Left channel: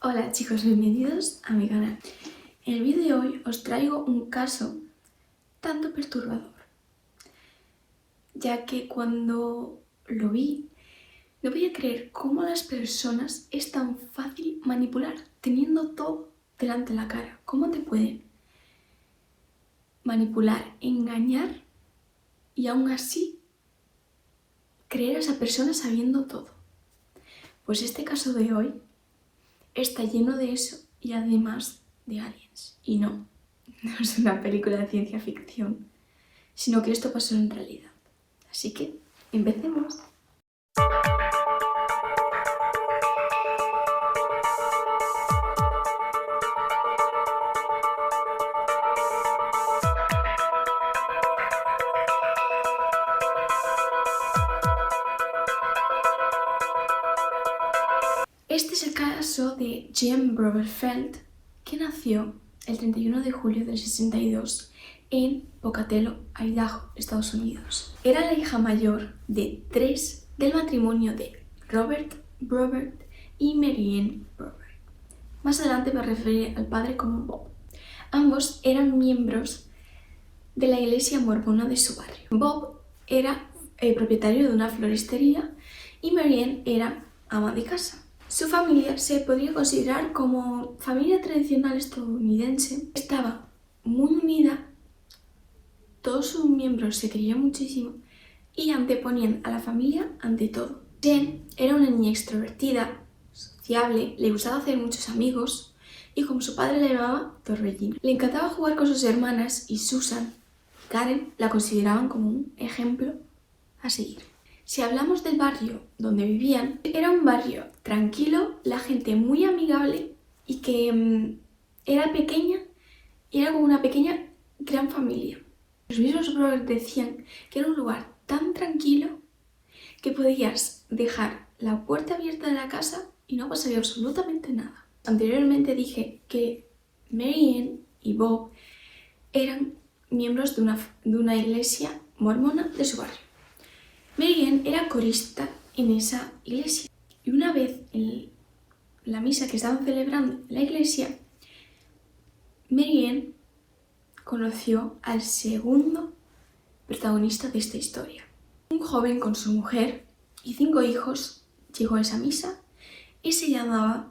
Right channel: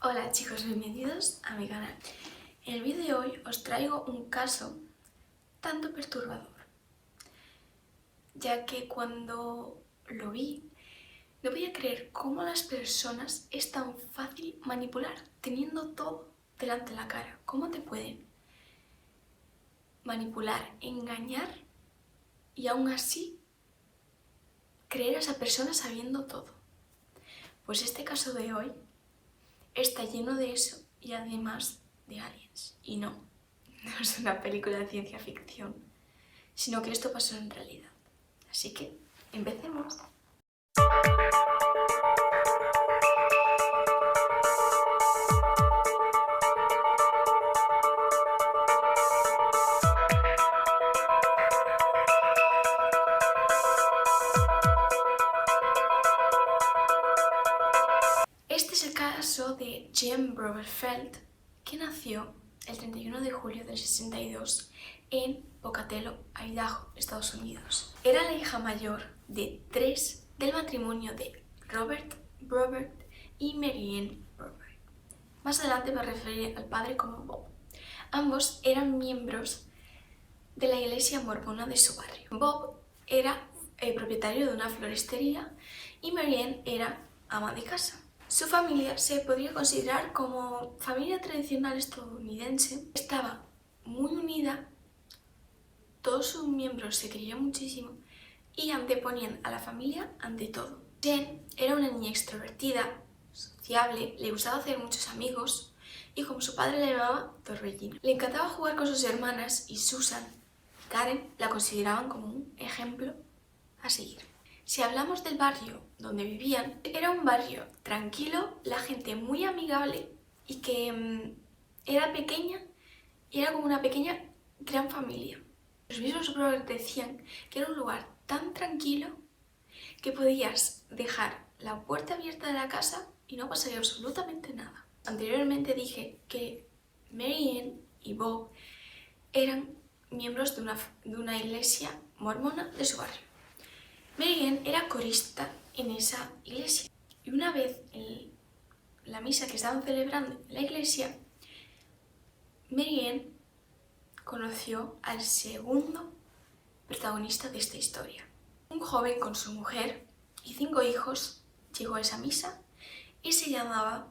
Hola chicos, bienvenidos a mi canal. En el vídeo de hoy os traigo un caso tanto perturbador, ya que cuando lo vi no podía creer cómo las personas es tan fácil manipular, teniendo todo delante de la cara. ¿Cómo te pueden manipular, engañar y aún así creer a esa persona sabiendo todo? Pues este caso de hoy está lleno de eso y además de aliens. Y no es una película de ciencia ficción, sino que esto pasó en realidad. Así que, empecemos. Este es el caso de Jen Broberfeld, que nació el 31 de julio del 62 en Pocatello, Idaho, Estados Unidos. Era la hija mayor de 3 del matrimonio de Robert Brobert y Marianne Brobert. Más adelante me referiré al padre como Bob. Ambos eran miembros de la iglesia mormona de su barrio. Bob era el propietario de una floristería y Marianne era ama de casa. Su familia se podría considerar como familia tradicional estadounidense. Estaba muy unida, todos sus miembros se querían muchísimo y anteponían a la familia ante todo. Jen era una niña extrovertida, sociable, le gustaba hacer muchos amigos y como su padre la llamaba Torbellino. Le encantaba jugar con sus hermanas y Susan, Karen, la consideraban como un ejemplo a seguir. Si hablamos del barrio donde vivían, era un barrio tranquilo, la gente muy amigable y que era pequeña y era como una pequeña gran familia. Los mismos brothers decían que era un lugar tan tranquilo que podías dejar la puerta abierta de la casa y no pasaría absolutamente nada. Anteriormente dije que Marianne y Bob eran miembros de una iglesia mormona de su barrio. Marianne era corista en esa iglesia y una vez en la misa que estaban celebrando en la iglesia, Marianne conoció al segundo protagonista de esta historia. Un joven con su mujer y 5 hijos llegó a esa misa y se llamaba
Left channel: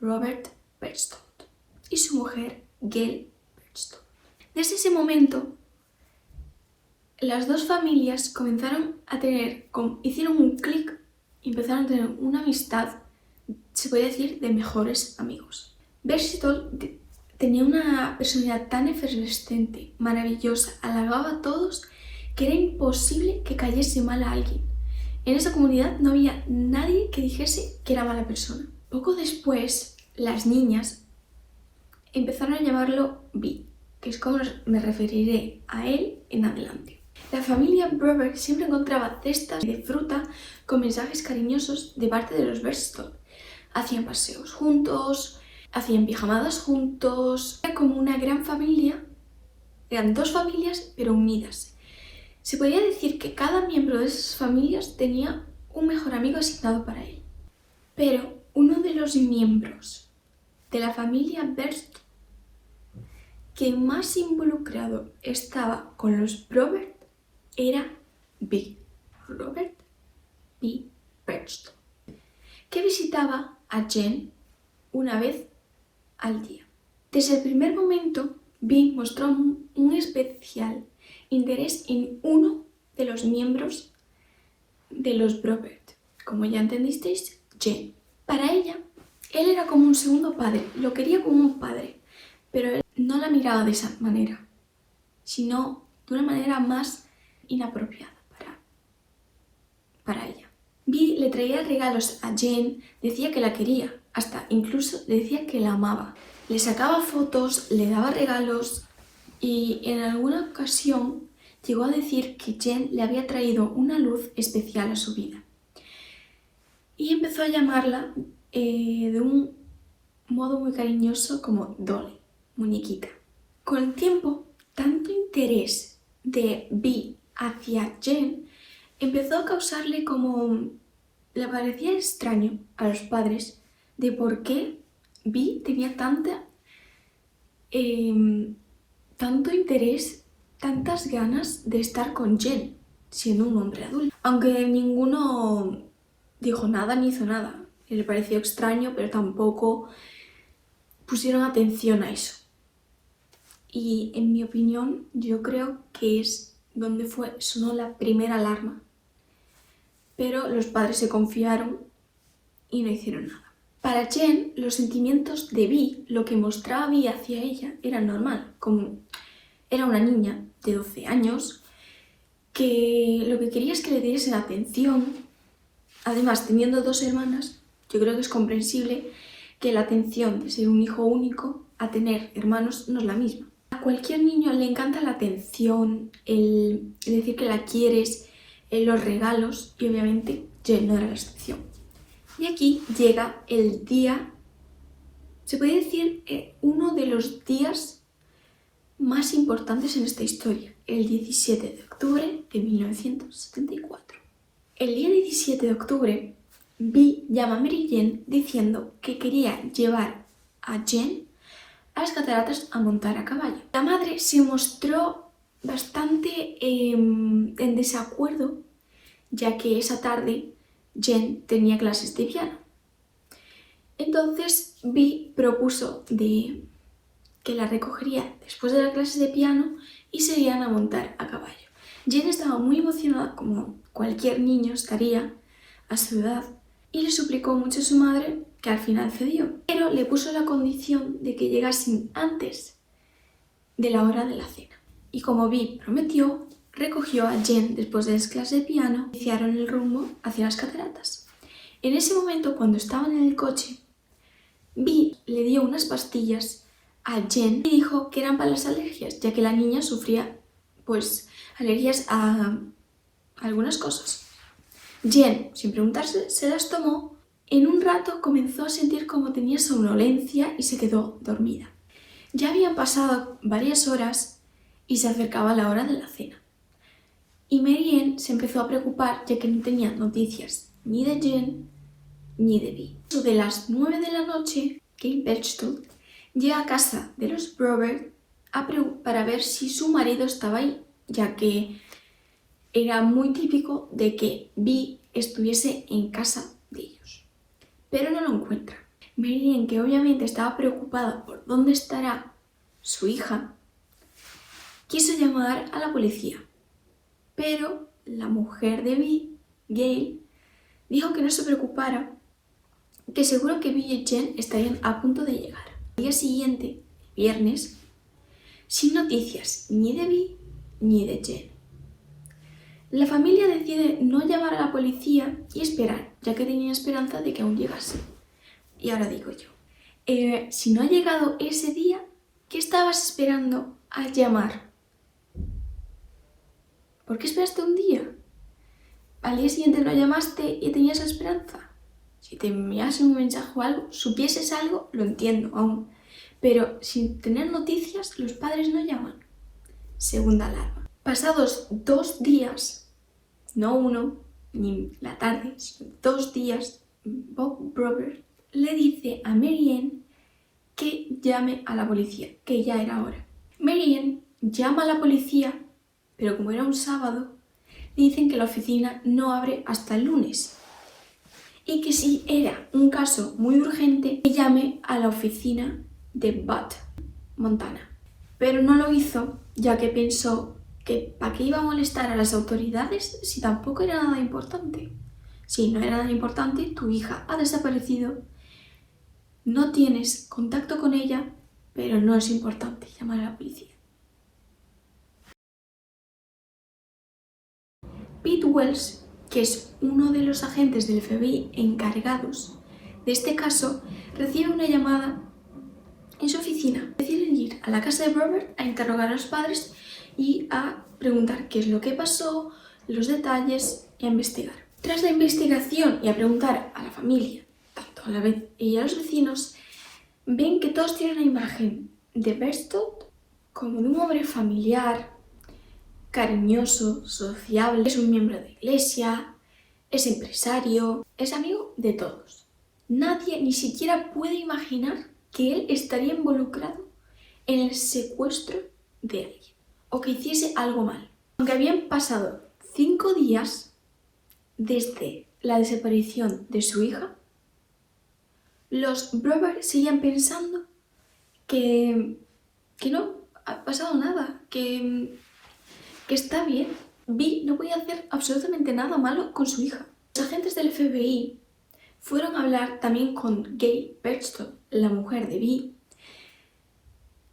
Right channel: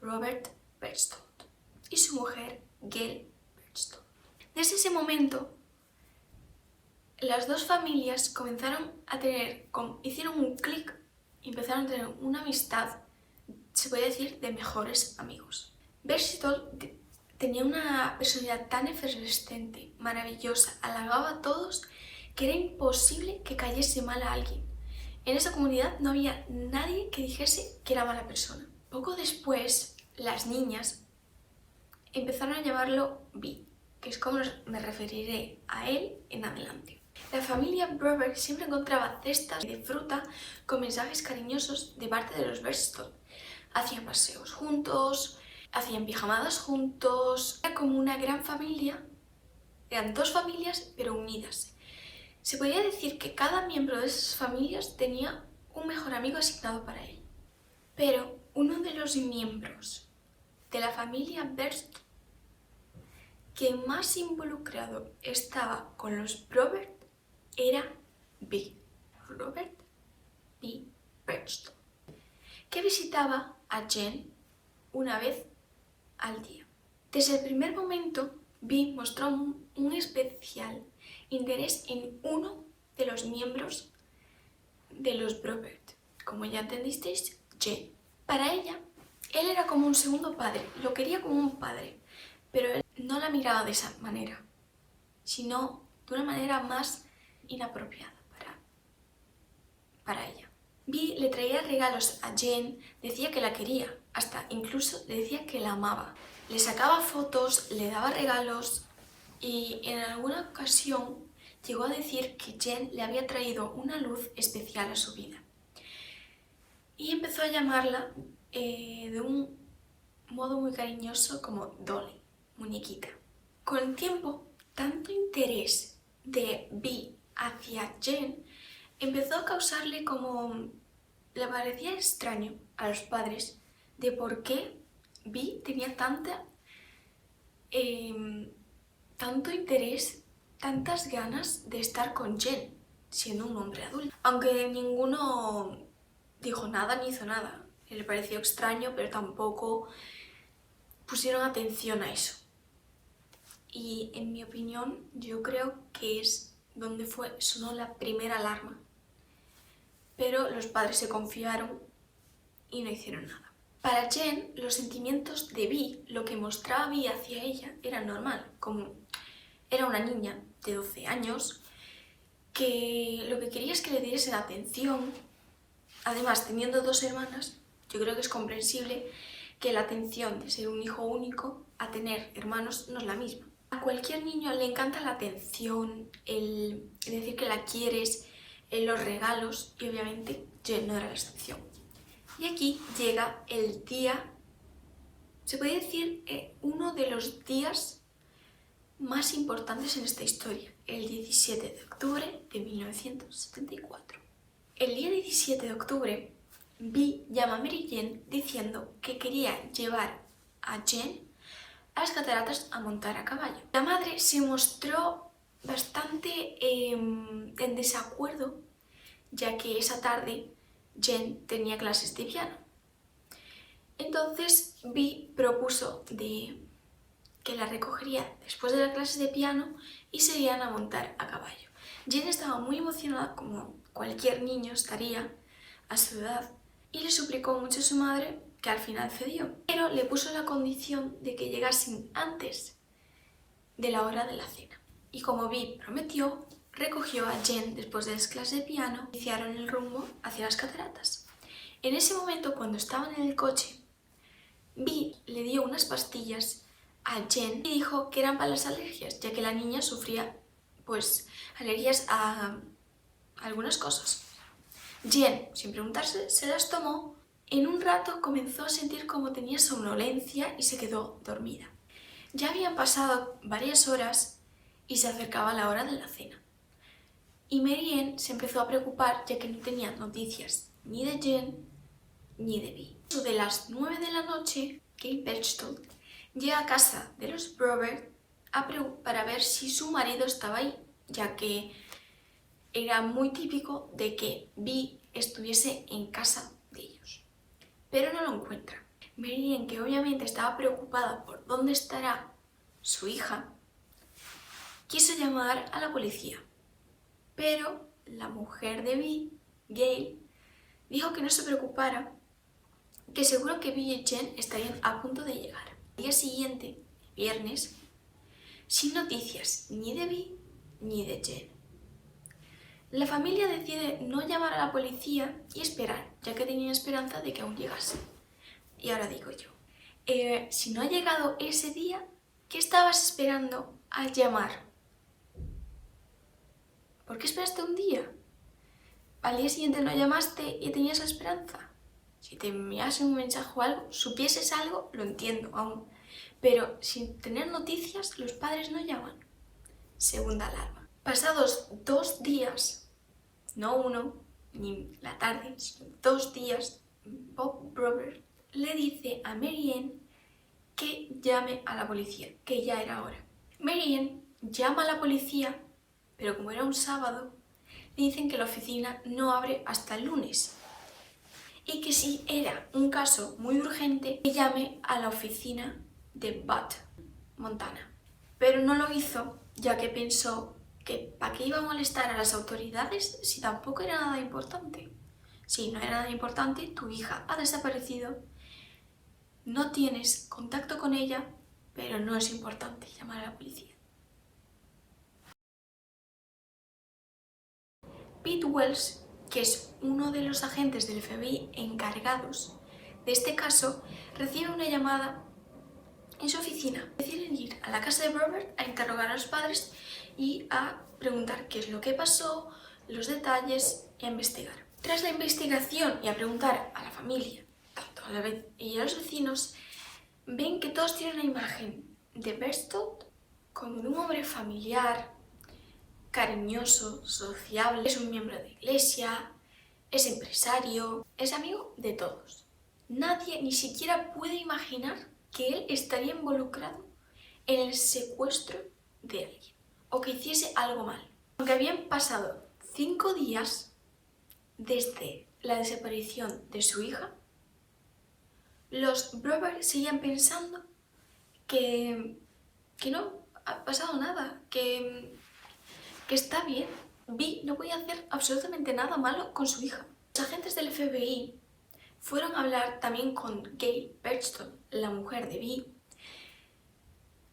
Robert Bergstrom y su mujer Gail Bergstrom. Desde ese momento, las dos familias comenzaron a hicieron un clic y empezaron a tener una amistad, se podría decir, de mejores amigos. Bergstrom tenía una personalidad tan efervescente, maravillosa, halagaba a todos que era imposible que cayese mal a alguien. En esa comunidad no había nadie que dijese que era mala persona. Poco después, las niñas empezaron a llamarlo B, que es como me referiré a él en adelante. La familia Brobert siempre encontraba cestas de fruta con mensajes cariñosos de parte de los Bergstrom. Hacían paseos juntos, hacían pijamadas juntos. Era como una gran familia, eran dos familias pero unidas. Se podría decir que cada miembro de esas familias tenía un mejor amigo asignado para él. Pero uno de los miembros de la familia Bergstrom que más involucrado estaba con los Brobert era B. Robert B. Bergstrom, que visitaba a Jen una vez al día. Desde el primer momento, B mostró un especial interés en uno de los miembros de los Brobert, como ya entendisteis, Jen. Para ella, él era como un segundo padre, lo quería como un padre, pero él no la miraba de esa manera, sino de una manera más inapropiada para ella. Vi le traía regalos a Jen, decía que la quería, hasta incluso le decía que la amaba. Le sacaba fotos, le daba regalos y en alguna ocasión llegó a decir que Jen le había traído una luz especial a su vida. Y empezó a llamarla de un modo muy cariñoso como Dolly, muñequita. Con el tiempo, tanto interés de Vi hacia Jen empezó a causarle como... le parecía extraño a los padres de por qué Vi tenía tanto interés, tantas ganas de estar con Jen, siendo un hombre adulto. Aunque ninguno dijo nada ni hizo nada. Le pareció extraño, pero tampoco pusieron atención a eso. Y en mi opinión, yo creo que es donde sonó la primera alarma. Pero los padres se confiaron y no hicieron nada. Para Jen, los sentimientos de Vi, lo que mostraba Vi hacia ella, era normal. Como era una niña de 12 años, que lo que quería es que le diesen atención. Además, teniendo 2 hermanas, yo creo que es comprensible que la atención de ser un hijo único a tener hermanos no es la misma. A cualquier niño le encanta la atención, el decir que la quieres, los regalos, y obviamente Jen no era la excepción. Y aquí llega el día, se puede decir, uno de los días más importantes en esta historia, el 17 de octubre de 1974. El día 17 de octubre, Vi llama a Mary Jane diciendo que quería llevar a Jen a las cataratas a montar a caballo. La madre se mostró bastante en desacuerdo, ya que esa tarde Jen tenía clases de piano. Entonces Vi propuso que la recogería después de las clases de piano y se irían a montar a caballo. Jen estaba muy emocionada, como cualquier niño estaría a su edad, y le suplicó mucho a su madre, que al final cedió, pero le puso la condición de que llegasen antes de la hora de la cena. Y como Vi prometió, recogió a Jen después de las clases de piano e iniciaron el rumbo hacia las cataratas. En ese momento, cuando estaban en el coche, Vi le dio unas pastillas a Jen y dijo que eran para las alergias, ya que la niña sufría pues alergias a algunas cosas. Jen, sin preguntarse, se las tomó. En un rato comenzó a sentir como tenía somnolencia y se quedó dormida. Ya habían pasado varias horas y se acercaba la hora de la cena. Y Mary Ann se empezó a preocupar, ya que no tenía noticias ni de Jen ni de Vi. De las 9 de la noche, Kate Berchtold llega a casa de los Brover para ver si su marido estaba ahí, ya que era muy típico de que Vi estuviese en casa de ellos. Pero no lo encuentra. Mary Ann, que obviamente estaba preocupada por dónde estará su hija, quiso llamar a la policía. Pero la mujer de Vi, Gail, dijo que no se preocupara, que seguro que Vi y Jen estarían a punto de llegar. Al día siguiente, viernes, sin noticias ni de Vi ni de Jen. La familia decide no llamar a la policía y esperar, ya que tenían esperanza de que aún llegase. Y ahora digo yo, si no ha llegado ese día, ¿qué estabas esperando al llamar? ¿Por qué esperaste un día? Al día siguiente no llamaste y tenías la esperanza. Si te enviasen un mensaje o algo, supieses algo, lo entiendo aún. Pero sin tener noticias, los padres no llaman. Segunda alarma. Pasados 2 días, no uno, ni la tarde, sino 2 días, Bob Brover le dice a Mary Ann que llame a la policía, que ya era hora. Mary Ann llama a la policía, pero como era un sábado, dicen que la oficina no abre hasta el lunes. Y que si era un caso muy urgente, que llame a la oficina de Butte, Montana. Pero no lo hizo, ya que pensó que ¿para qué iba a molestar a las autoridades si tampoco era nada importante? Si no era nada importante, tu hija ha desaparecido, no tienes contacto con ella, pero no es importante llamar a la policía. Pete Wells, que es uno de los agentes del FBI encargados de este caso, recibe una llamada en su oficina. Deciden ir a la casa de Robert a interrogar a los padres y a preguntar qué es lo que pasó, los detalles y a investigar. Tras la investigación y a preguntar a la familia, tanto a la vez y a los vecinos, ven que todos tienen la imagen de Berchtold como de un hombre familiar, cariñoso, sociable, es un miembro de iglesia, es empresario, es amigo de todos. Nadie ni siquiera puede imaginar que él estaría involucrado en el secuestro de alguien o que hiciese algo mal. Aunque habían pasado 5 días desde la desaparición de su hija, los Brothers seguían pensando que no ha pasado nada, que está bien. Vi no podía hacer absolutamente nada malo con su hija. Los agentes del FBI fueron a hablar también con Gail Berchtold, la mujer de Vi,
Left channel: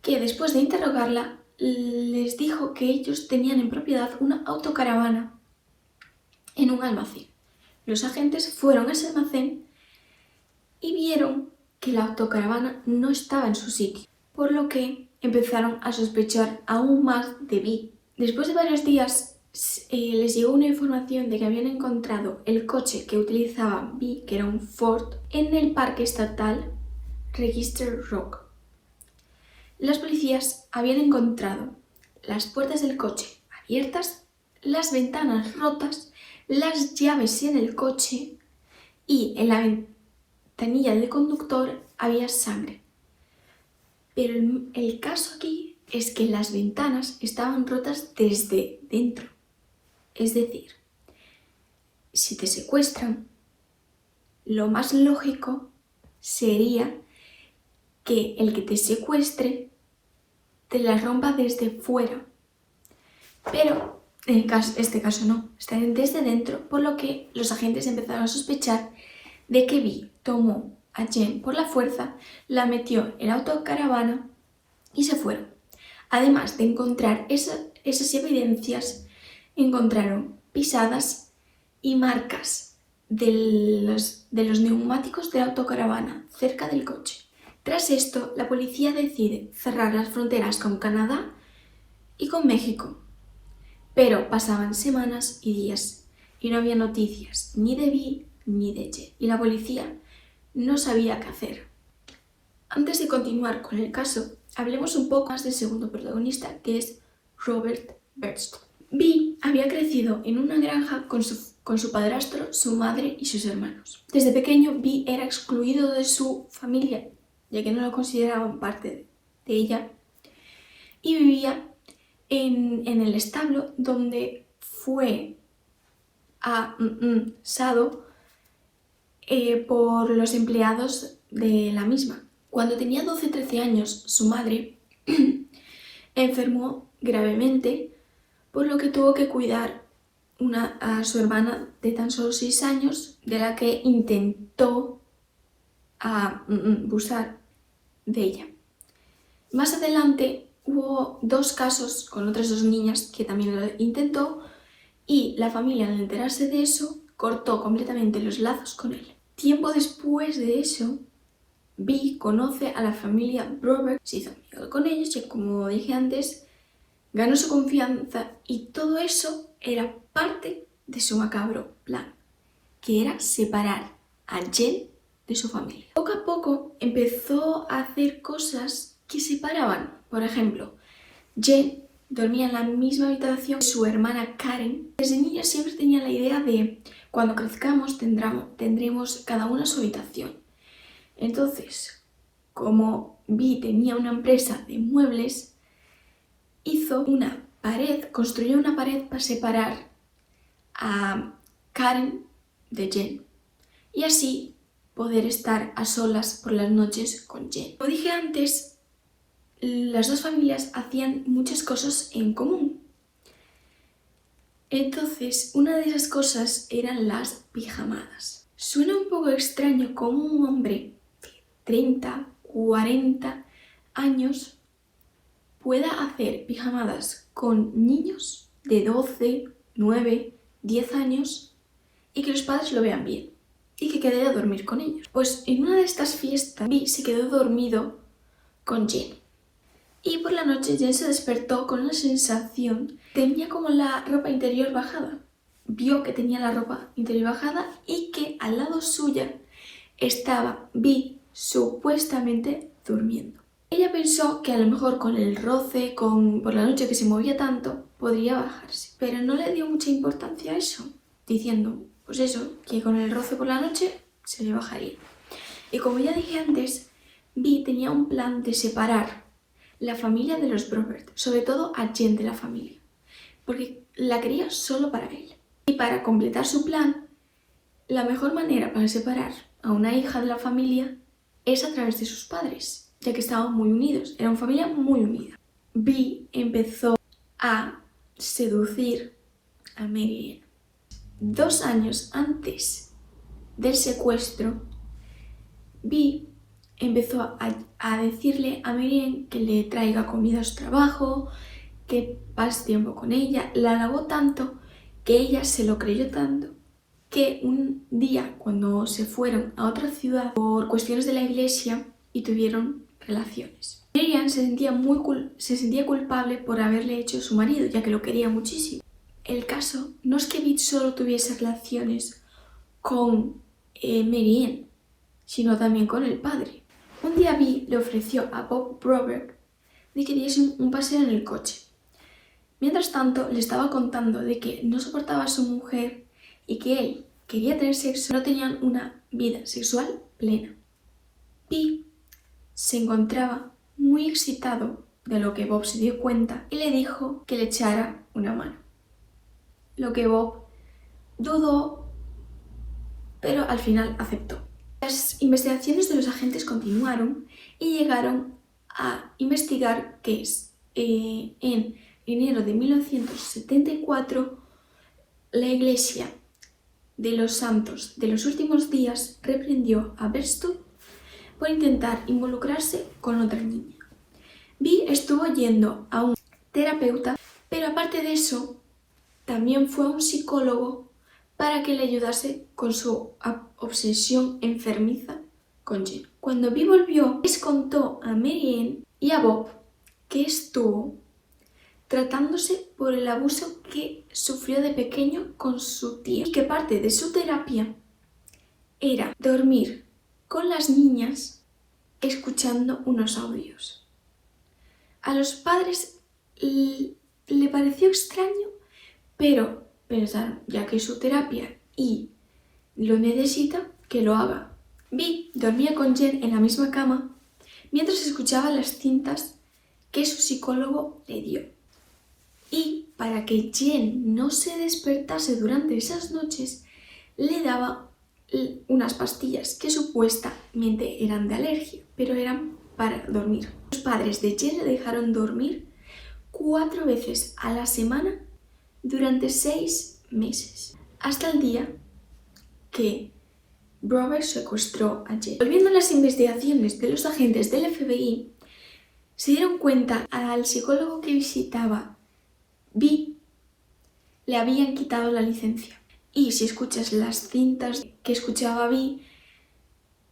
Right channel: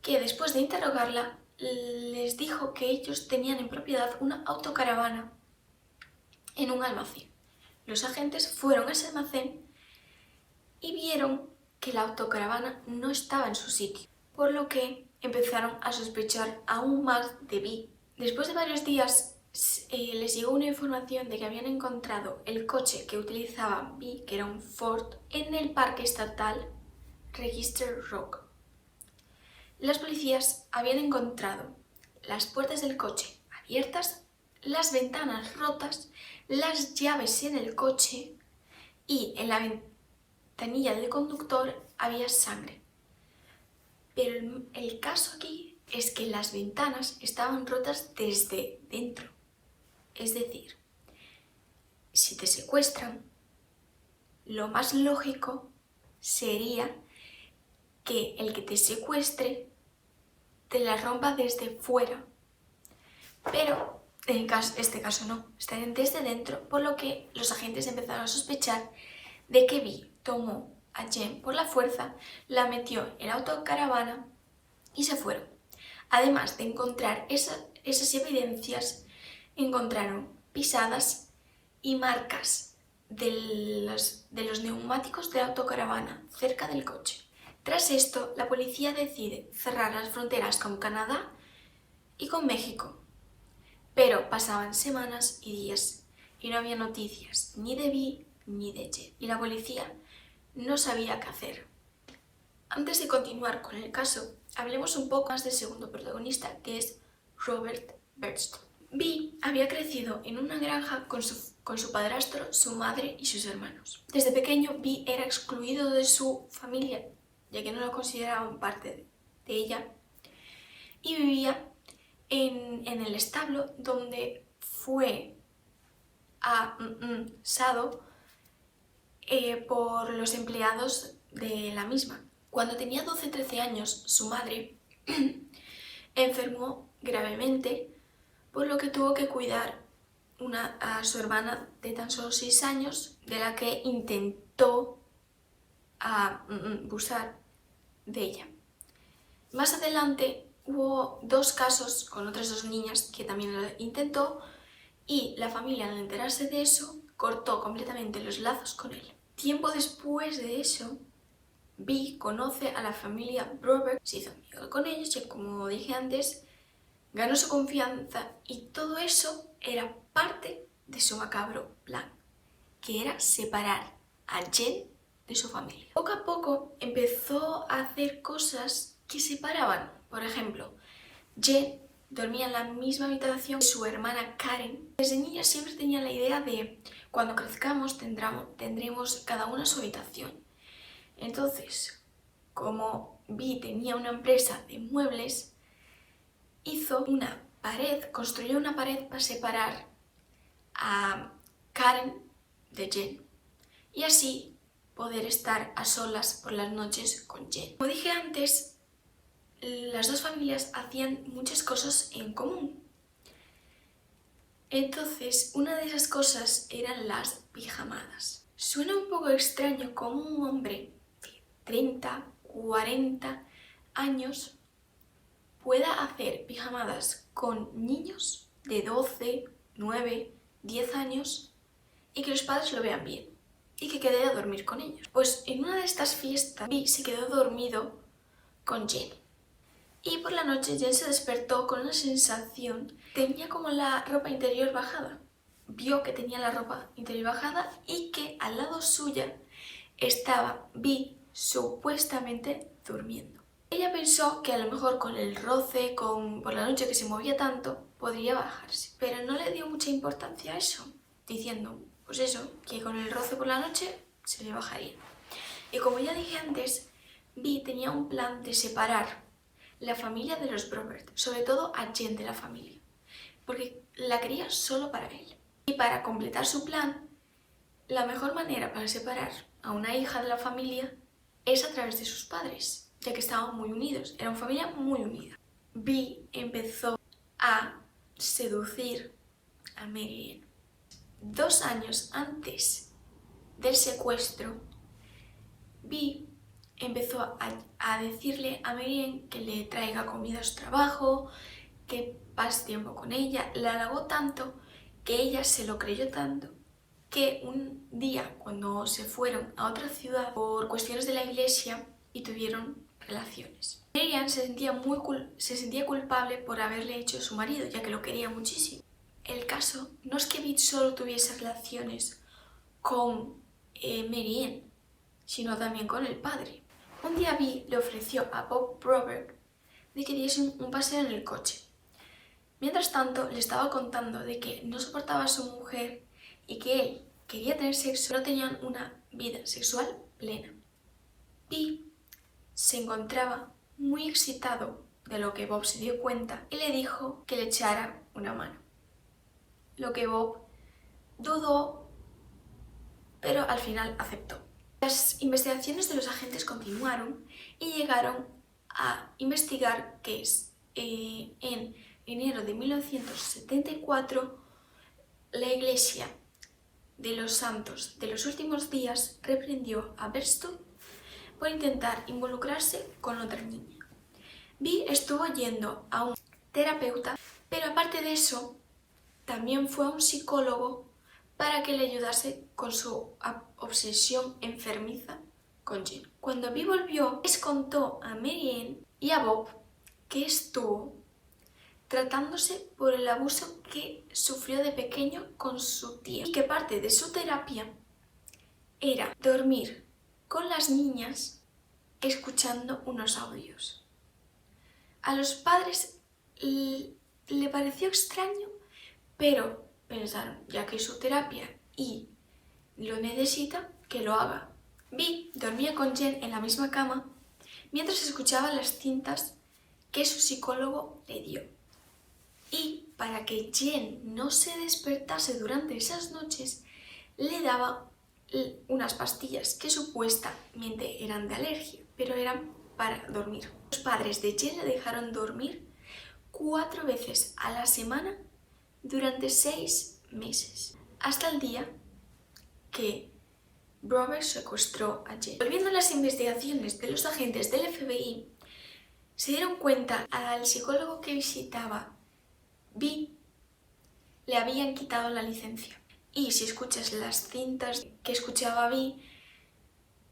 que después de interrogarla les dijo que ellos tenían en propiedad una autocaravana en un almacén. Los agentes fueron a ese almacén y vieron que la autocaravana no estaba en su sitio, por lo que empezaron a sospechar aún más de Vi. Después de varios días les llegó una información de que habían encontrado el coche que utilizaba Vi, que era un Ford, en el parque estatal Register Rock. Las policías habían encontrado las puertas del coche abiertas, las ventanas rotas, las llaves en el coche y en la ventanilla del conductor había sangre. Pero el caso aquí es que las ventanas estaban rotas desde dentro. Es decir, si te secuestran, lo más lógico sería que el que te secuestre te la rompa desde fuera. Pero en este caso no, está desde dentro, por lo que los agentes empezaron a sospechar de que Vi tomó a Jen por la fuerza, la metió en la autocaravana y se fueron. Además de encontrar esas evidencias, encontraron pisadas y marcas de los neumáticos de la autocaravana cerca del coche. Tras esto, la policía decide cerrar las fronteras con Canadá y con México. Pero pasaban semanas y días y no había noticias ni de Vi ni de Jen. Y la policía no sabía qué hacer. Antes de continuar con el caso, hablemos un poco más del segundo protagonista, que es Robert Berchtold. Vi había crecido en una granja con su padrastro, su madre y sus hermanos. Desde pequeño, Vi era excluido de su familia, ya que no lo consideraban parte de ella, y vivía en el establo donde fue asado por los empleados de la misma. Cuando tenía 12-13 años, su madre enfermó gravemente, por lo que tuvo que cuidar a su hermana de tan solo 6 años, de la que intentó abusar de ella. Más adelante hubo 2 casos con otras 2 niñas que también lo intentó, y la familia, al enterarse de eso, cortó completamente los lazos con él. Tiempo después de eso, Vi conoce a la familia Broberg, se hizo amigo con ellos y, como dije antes, ganó su confianza, y todo eso era parte de su macabro plan, que era separar a Jen de su familia. Poco a poco empezó a hacer cosas que separaban. Por ejemplo, Jen dormía en la misma habitación que su hermana Karen. Desde niña siempre tenía la idea de cuando crezcamos tendremos cada una su habitación. Entonces, como Vi tenía una empresa de muebles, construyó una pared para separar a Karen de Jen y así poder estar a solas por las noches con Jen. Como dije antes, las 2 familias hacían muchas cosas en común. Entonces, una de esas cosas eran las pijamadas. Suena un poco extraño como un hombre de 30, 40 años pueda hacer pijamadas con niños de 12, 9, 10 años y que los padres lo vean bien y que quede a dormir con ellos. Pues en una de estas fiestas, Vi se quedó dormido con Jen. Y por la noche Jen se despertó con una sensación. Tenía como la ropa interior bajada. Vio que tenía la ropa interior bajada y que al lado suya estaba Vi supuestamente durmiendo. Ella pensó que a lo mejor con el roce, por la noche que se movía tanto, podría bajarse. Pero no le dio mucha importancia a eso, diciendo, pues eso, que con el roce por la noche se le bajaría. Y como ya dije antes, Vi tenía un plan de separar la familia de los Brobert, sobre todo a Jen de la familia, porque la quería solo para él. Y para completar su plan, la mejor manera para separar a una hija de la familia es a través de sus padres, ya que estaban muy unidos, era una familia muy unida. Vi empezó a seducir a Mary. 2 años antes del secuestro, Vi empezó a decirle a Mary que le traiga comida a su trabajo, que pase tiempo con ella. La halagó tanto que ella se lo creyó tanto que un día, cuando se fueron a otra ciudad por cuestiones de la iglesia y tuvieron relaciones, Miriam se sentía culpable por haberle hecho su marido, ya que lo quería muchísimo. El caso no es que Bit solo tuviese relaciones con Mary, sino también con el padre. Un día Vi le ofreció a Bob Broberg de que diese un paseo en el coche. Mientras tanto, le estaba contando de que no soportaba a su mujer y que él quería tener sexo, no tenían una vida sexual plena. Vi se encontraba muy excitado de lo que Bob se dio cuenta y le dijo que le echara una mano. Lo que Bob dudó, pero al final aceptó. Las investigaciones de los agentes continuaron y llegaron a investigar que en enero de 1974 la Iglesia de los Santos de los Últimos Días reprendió a Berstu por intentar involucrarse con otra niña. Vi estuvo yendo a un terapeuta, pero aparte de eso, también fue a un psicólogo para que le ayudase con su obsesión enfermiza con Jen. Cuando Vi volvió, les contó a Mary Ann y a Bob que estuvo tratándose por el abuso que sufrió de pequeño con su tía y que parte de su terapia era dormir con las niñas escuchando unos audios. A los padres le pareció extraño, pero pensaron, ya que es su terapia y lo necesita, que lo haga. Vi dormía con Jen en la misma cama mientras escuchaba las cintas que su psicólogo le dio. Y para que Jen no se despertase durante esas noches, le daba unas pastillas que supuestamente eran de alergia, pero eran para dormir. Los padres de Jen le dejaron dormir 4 veces a la semana durante 6 meses, hasta el día que Broberg secuestró a Jen. Volviendo a las investigaciones de los agentes del FBI, se dieron cuenta al psicólogo que visitaba Vi le habían quitado la licencia. Y si escuchas las cintas que escuchaba Vi,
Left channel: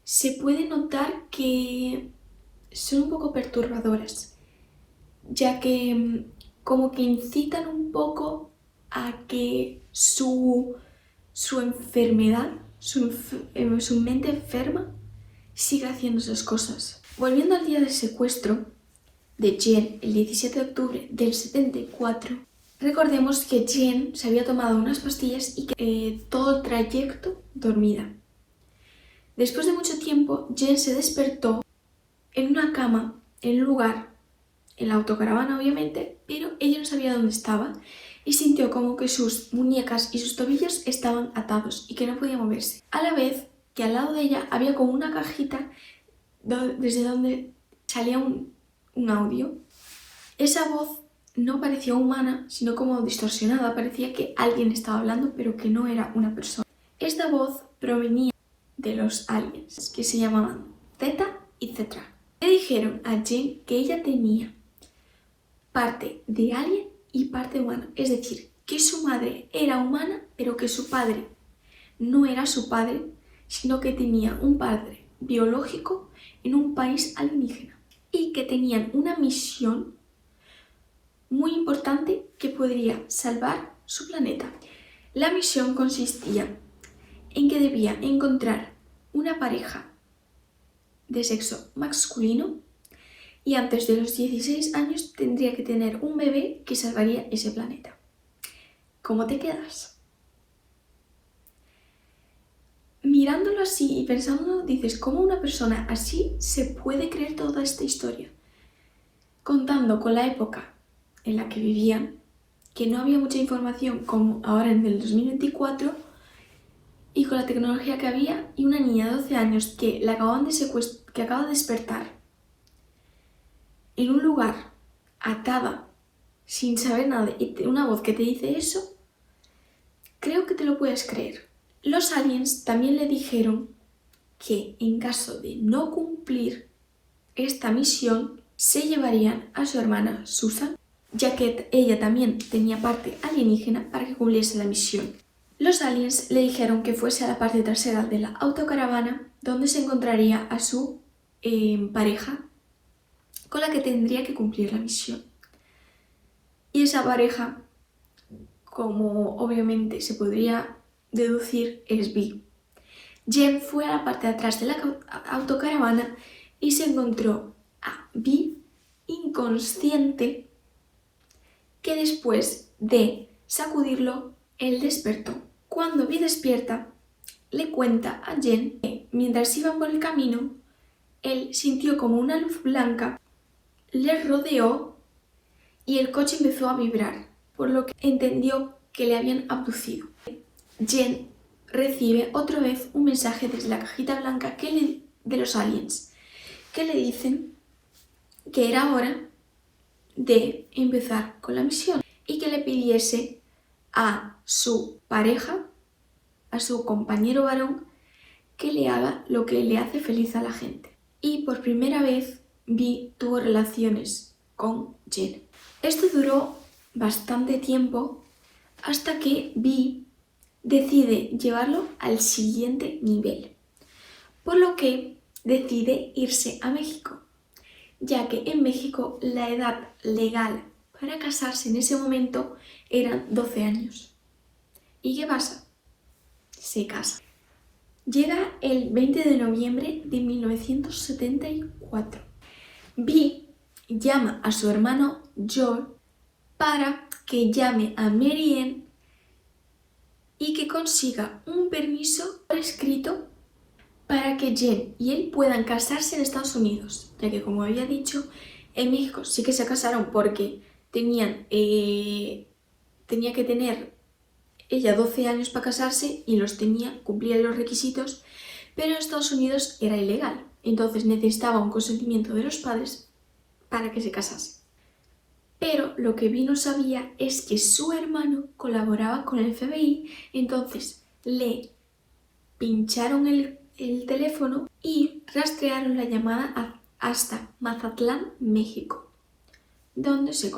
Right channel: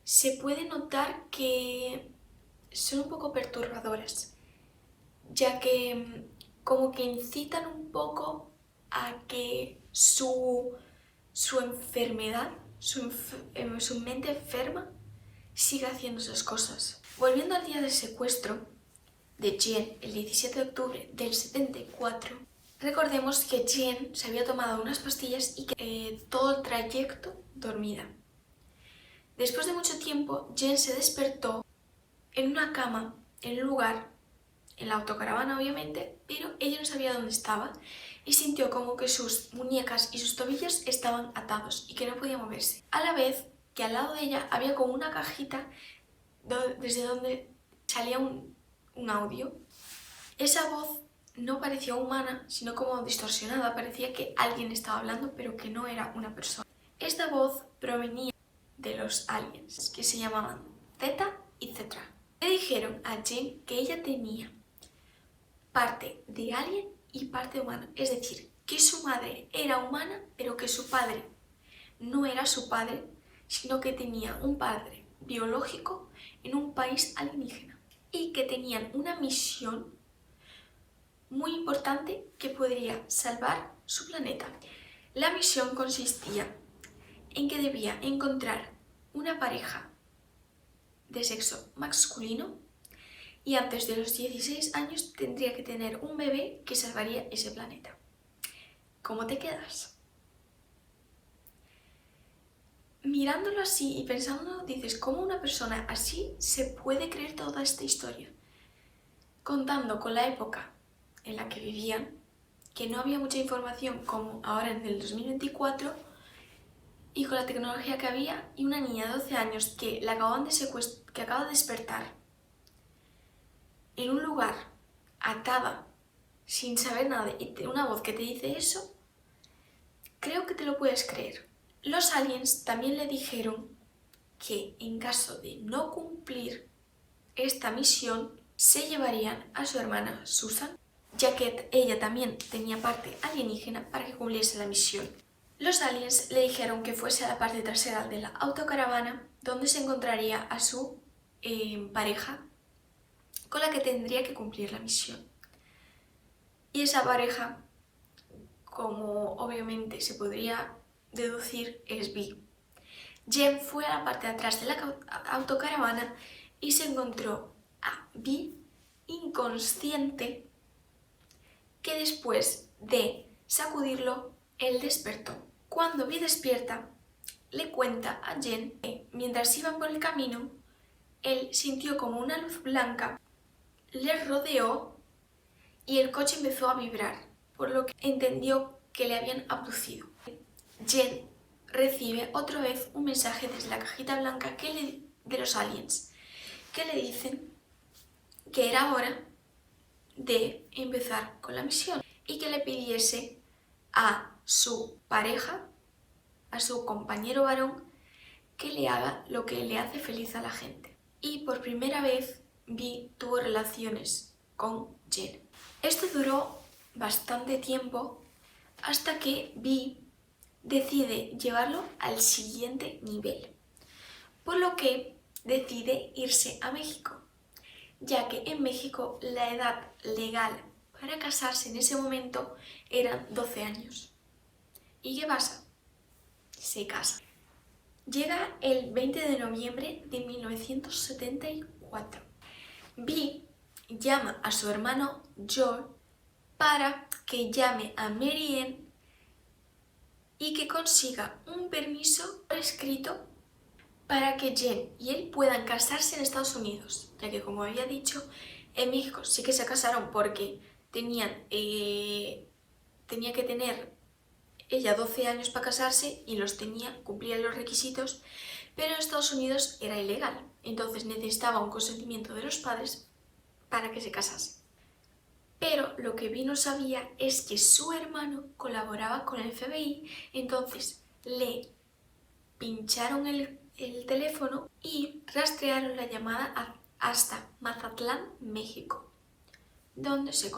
se puede notar que son un poco perturbadoras, ya que como que incitan un poco a que su enfermedad, su mente enferma, siga haciendo esas cosas. Volviendo al día del secuestro de Jen, el 17 de octubre del 74, recordemos que Jen se había tomado unas pastillas y que todo el trayecto dormida. Después de mucho tiempo, Jen se despertó en una cama, en un lugar, en la autocaravana obviamente, pero ella no sabía dónde estaba y sintió como que sus muñecas y sus tobillos estaban atados y que no podía moverse. A la vez que al lado de ella había como una cajita desde donde salía un audio. Esa voz no parecía humana, sino como distorsionada, parecía que alguien estaba hablando, pero que no era una persona. Esta voz provenía de los aliens, que se llamaban Zeta y Cetra. Le dijeron a Jen que ella tenía parte de alien y parte humana, es decir, que su madre era humana, pero que su padre no era su padre, sino que tenía un padre biológico en un país alienígena y que tenían una misión muy importante que podría salvar su planeta. La misión consistía en que debía encontrar una pareja de sexo masculino y antes de los 16 años tendría que tener un bebé que salvaría ese planeta. ¿Cómo te quedas? mirándolo así y pensándolo, dices, ¿cómo una persona así se puede creer toda esta historia? Contando con la época en la que vivían, que no había mucha información como ahora en el 2024, y con la tecnología que había, y una niña de 12 años que que acaba de despertar en un lugar atada, sin saber nada, y una voz que te dice eso, creo que te lo puedes creer. Los aliens también le dijeron que en caso de no cumplir esta misión, se llevarían a su hermana Susan, ya que ella también tenía parte alienígena, para que cumpliese la misión. Los aliens le dijeron que fuese a la parte trasera de la autocaravana, donde se encontraría a su pareja, con la que tendría que cumplir la misión. Y esa pareja, como obviamente se podría deducir, es Vi. Jen fue a la parte de atrás de la autocaravana y se encontró a Vi inconsciente, que después de sacudirlo, él despertó. Cuando Vi despierta, le cuenta a Jen que mientras iban por el camino, él sintió como una luz blanca le rodeó y el coche empezó a vibrar, por lo que entendió que le habían abducido. Jen recibe otra vez un mensaje desde la cajita blanca de los aliens, que le dicen que era hora de empezar con la misión y que le pidiese a su pareja, a su compañero varón, que le haga lo que le hace feliz a la gente. Y por primera vez Vi tuvo relaciones con Jen. Esto duró bastante tiempo hasta que Vi decide llevarlo al siguiente nivel, por lo que decide irse a México, ya que en México la edad legal para casarse en ese momento eran 12 años. ¿Y qué pasa? Se casa. Llega el 20 de noviembre de 1974. Vi llama a su hermano Joel para que llame a Mary Ann y que consiga un permiso por escrito para que Jen y él puedan casarse en Estados Unidos, ya que, como había dicho, en México sí que se casaron porque tenía que tener ella 12 años para casarse y cumplía los requisitos, pero en Estados Unidos era ilegal, entonces necesitaba un consentimiento de los padres para que se casase. Pero lo que Vi no sabía es que su hermano colaboraba con el FBI, entonces le pincharon el teléfono y rastrearon la llamada hasta Mazatlán, México, donde se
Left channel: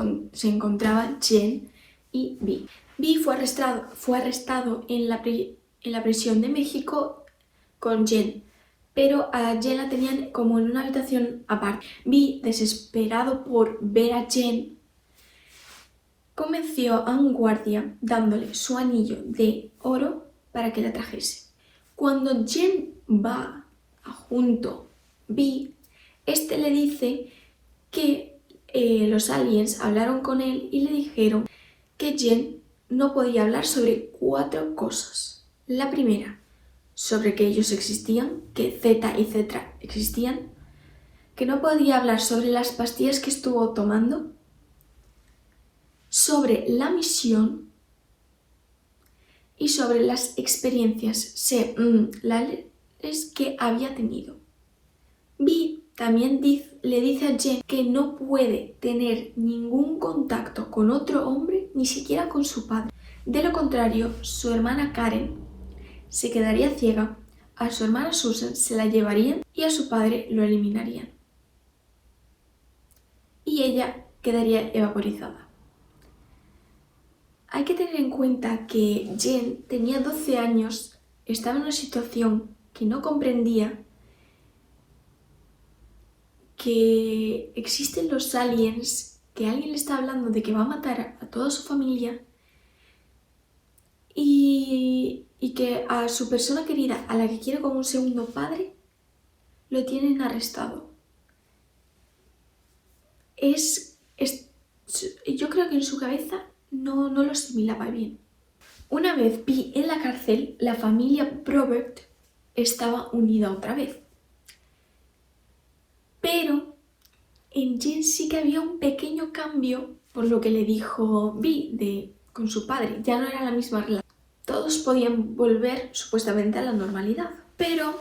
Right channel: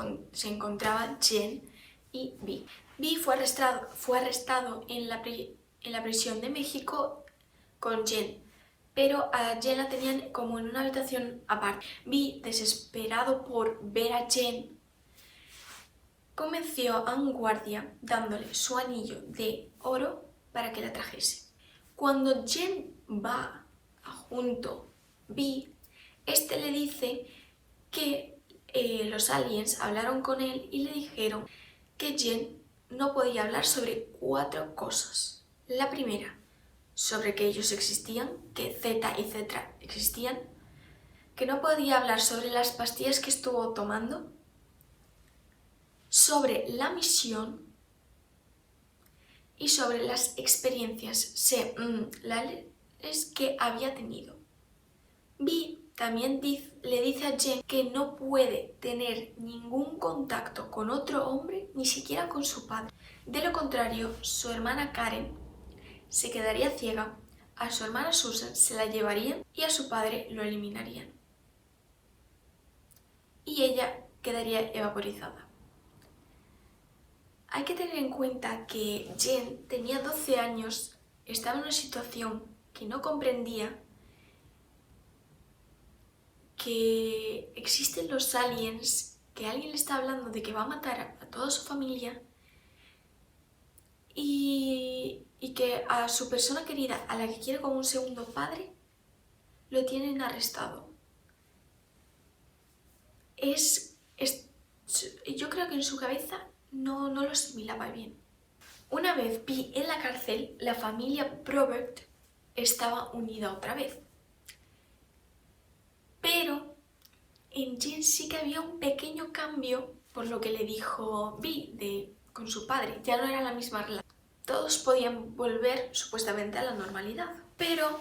encontraban Jen y Vi. Vi fue arrestado en la prisión de México con Jen, pero a Jen la tenían como en una habitación aparte. Vi, desesperado por ver a Jen, convenció a un guardia dándole su anillo de oro para que la trajese. Cuando Jen va junto Vi, este le dice que los aliens hablaron con él y le dijeron que Jen no podía hablar sobre 4 cosas. La primera, sobre que ellos existían, que Z y Z existían, que no podía hablar sobre las pastillas que estuvo tomando, sobre la misión y sobre las experiencias sexuales que había tenido. Vi también le dice a Jen que no puede tener ningún contacto con otro hombre, ni siquiera con su padre. De lo contrario, su hermana Karen se quedaría ciega, a su hermana Susan se la llevarían y a su padre lo eliminarían. Y ella quedaría evaporizada. Hay que tener en cuenta que Jen tenía 12 años, estaba en una situación que no comprendía, que existen los aliens, que alguien le está hablando de que va a matar a toda su familia y que a su persona querida, a la que quiere como un segundo padre, lo tienen arrestado. Yo creo que en su cabeza no lo asimilaba bien. Una vez Vi en la cárcel, la familia Probert estaba unida otra vez. Pero en Jen sí que había un pequeño cambio por lo que le dijo Vi con su padre. Ya no era la misma relación. Todos podían volver supuestamente a la normalidad. Pero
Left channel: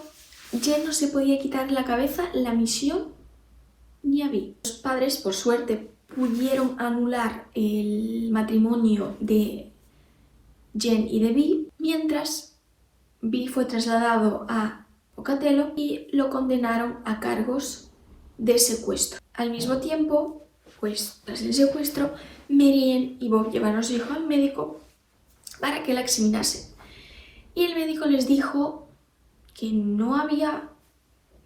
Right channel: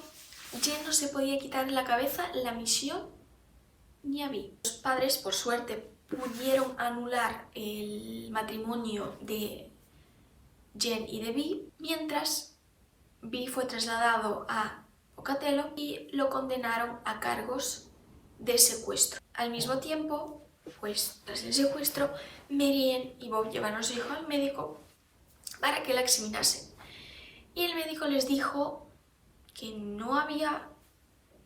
Jen no se podía quitar de la cabeza la misión ni a Vi. Los padres, por suerte, pudieron anular el matrimonio de Jen y de Vi, mientras Vi fue trasladado a Pocatello y lo condenaron a cargos de secuestro. Al mismo tiempo, pues tras el secuestro, Marianne y Bob llevaron a su hijo al médico para que la examinase. Y el médico les dijo que no había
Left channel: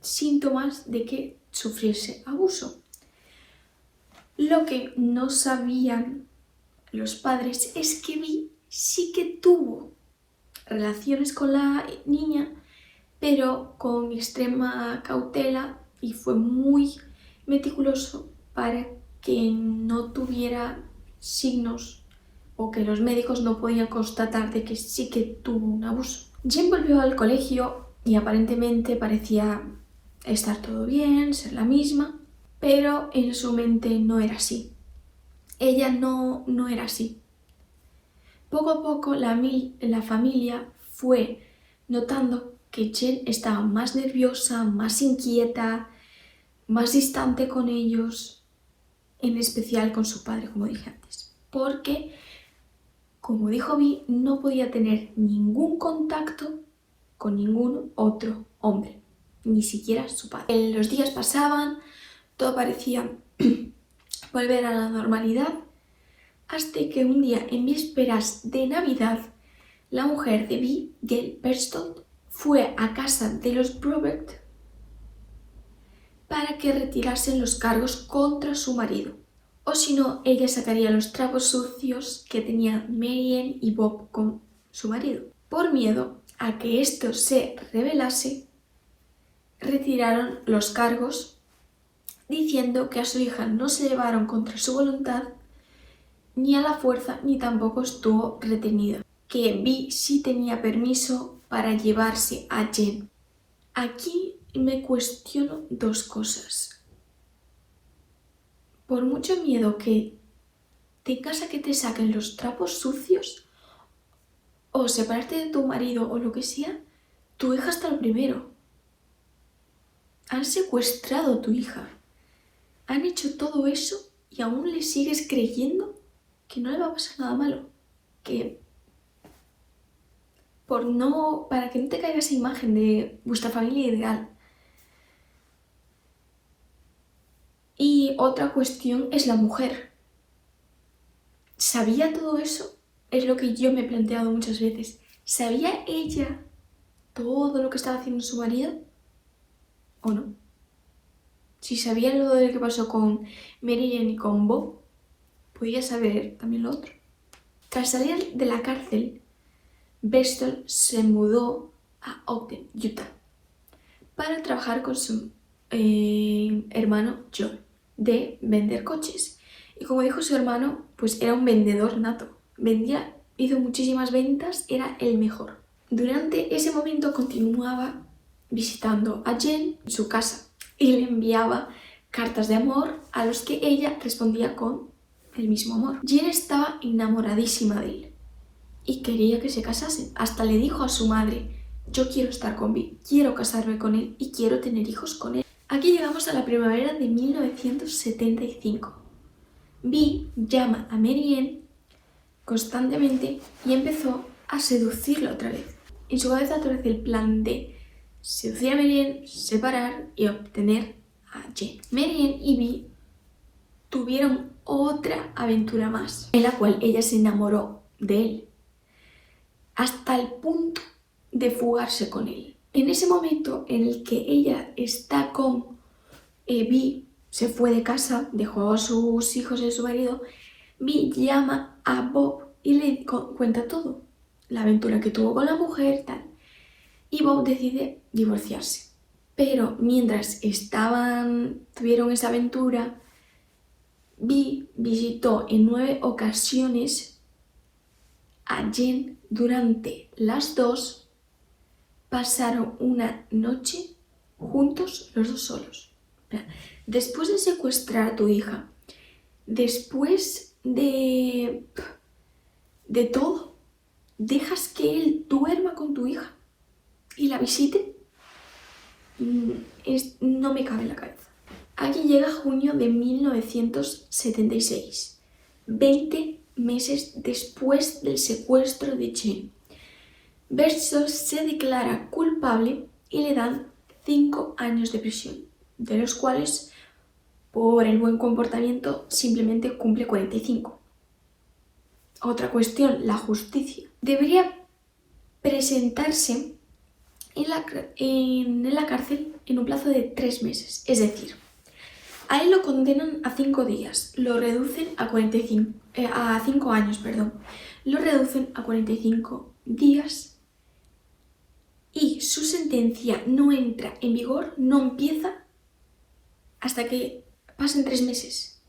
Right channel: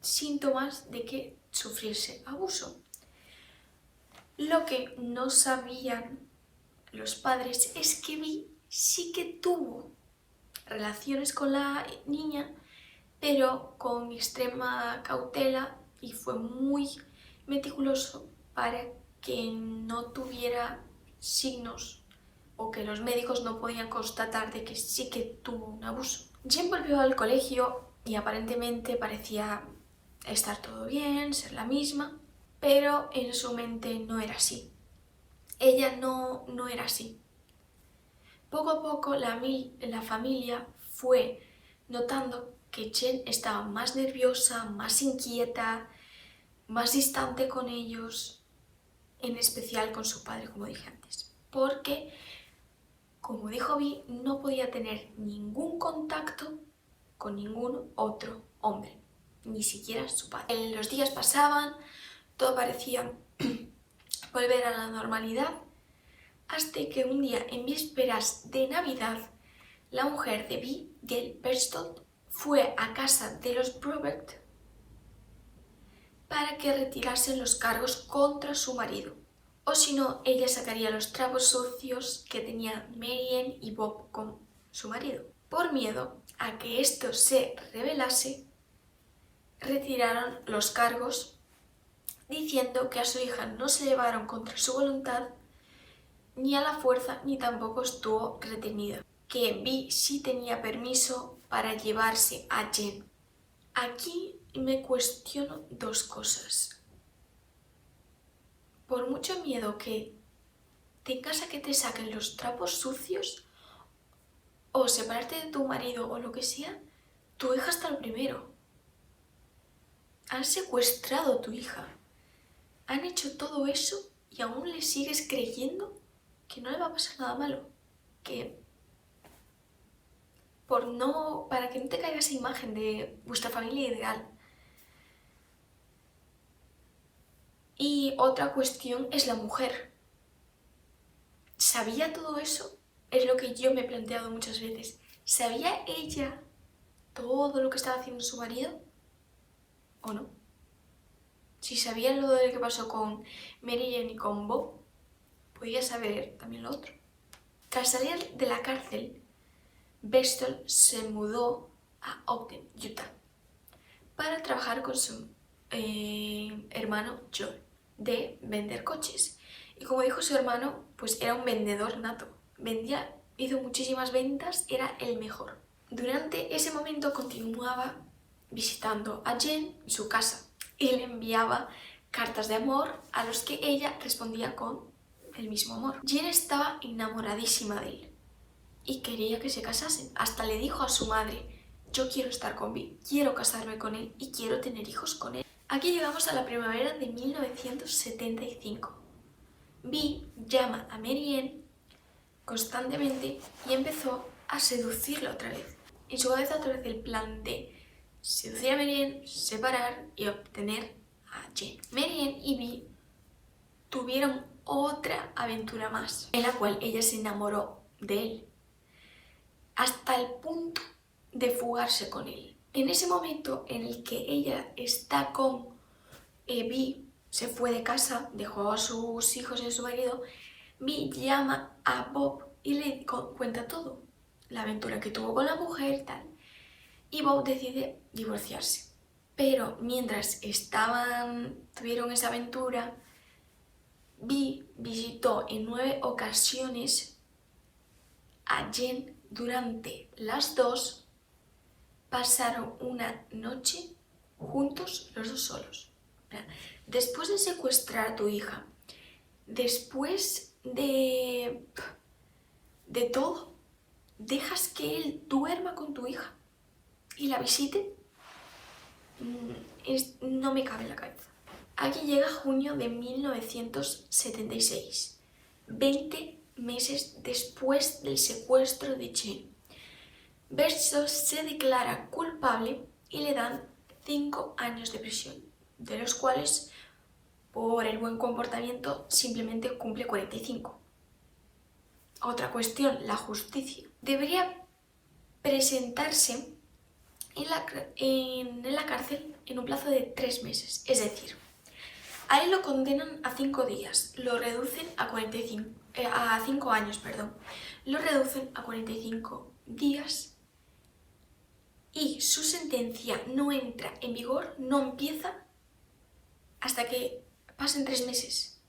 síntomas de que sufriese abuso. Lo que no sabían los padres es que Vi sí que tuvo relaciones con la niña, pero con extrema cautela, y fue muy meticuloso para que no tuviera signos o que los médicos no podían constatar de que sí que tuvo un abuso. Jen volvió al colegio y aparentemente parecía estar todo bien, ser la misma, pero en su mente no era así. Ella no era así. Poco a poco la familia fue notando que Jen estaba más nerviosa, más inquieta, más distante con ellos, en especial con su padre, como dije antes. Porque, como dijo Vi, no podía tener ningún contacto con ningún otro hombre, ni siquiera su padre. Los días pasaban, todo parecía volver a la normalidad, hasta que un día, en vísperas de Navidad, la mujer de Vi, Gail Berchtold, fue a casa de los Brobeck para que retirasen los cargos contra su marido. O si no, ella sacaría los trapos sucios que tenían Marianne y Bob con su marido. Por miedo a que esto se revelase, retiraron los cargos diciendo que a su hija no se llevaron contra su voluntad ni a la fuerza, ni tampoco estuvo retenida. Que Vi sí tenía permiso para llevarse a Jen. Aquí me cuestiono dos cosas. Por mucho miedo que tengas a que te saquen los trapos sucios o separarte de tu marido o lo que sea, tu hija está lo primero. Han secuestrado a tu hija. Han hecho todo eso y aún le sigues creyendo que no le va a pasar nada malo. Que para que no te caiga esa imagen de vuestra familia ideal. Y otra cuestión es la mujer. ¿Sabía todo eso? Es lo que yo me he planteado muchas veces. ¿Sabía ella todo lo que estaba haciendo su marido? ¿O no? Si sabía lo de que pasó con Marianne y con Bob, podía saber también lo otro. Tras salir de la cárcel, Berchtold se mudó a Ogden, Utah, para trabajar con su hermano Joel, de vender coches. Y como dijo su hermano, pues era un vendedor nato. Hizo muchísimas ventas, era el mejor. Durante ese momento continuaba visitando a Jen en su casa y le enviaba cartas de amor a los que ella respondía con el mismo amor. Jen estaba enamoradísima de él y quería que se casasen. Hasta le dijo a su madre: yo quiero estar con Vi, quiero casarme con él y quiero tener hijos con él. Aquí llegamos a la primavera de 1975. Vi llama a Marianne constantemente y empezó a seducirla otra vez. En su cabeza otra vez el plan de seducir a Marianne, separar y obtener a Jen. Marianne y Vi tuvieron otra aventura más, en la cual ella se enamoró de él, hasta el punto de fugarse con él. En ese momento en el que ella está con Vi, se fue de casa, dejó a sus hijos y a su marido, Vi llama a Bob y le cuenta todo, la aventura que tuvo con la mujer, tal. Y Bob decide divorciarse. Pero mientras tuvieron esa aventura, Vi visitó en 9 ocasiones a Jen durante las 2 pasaron una noche juntos los dos solos. Después de secuestrar a tu hija, después de todo, dejas que él duerma con tu hija y la visite. No me cabe en la cabeza. Aquí llega junio de 1976, 20 meses después del secuestro de Jen. Versos se declara culpable y le dan 5 años de prisión, de los cuales, por el buen comportamiento, simplemente cumple 45. Otra cuestión, la justicia. Debería presentarse en la cárcel en un plazo de 3 meses, es decir, a él lo condenan a 5 días, lo reducen a 5 años, lo reducen a 45 días y su sentencia no entra en vigor, no empieza hasta que pasen 3 meses.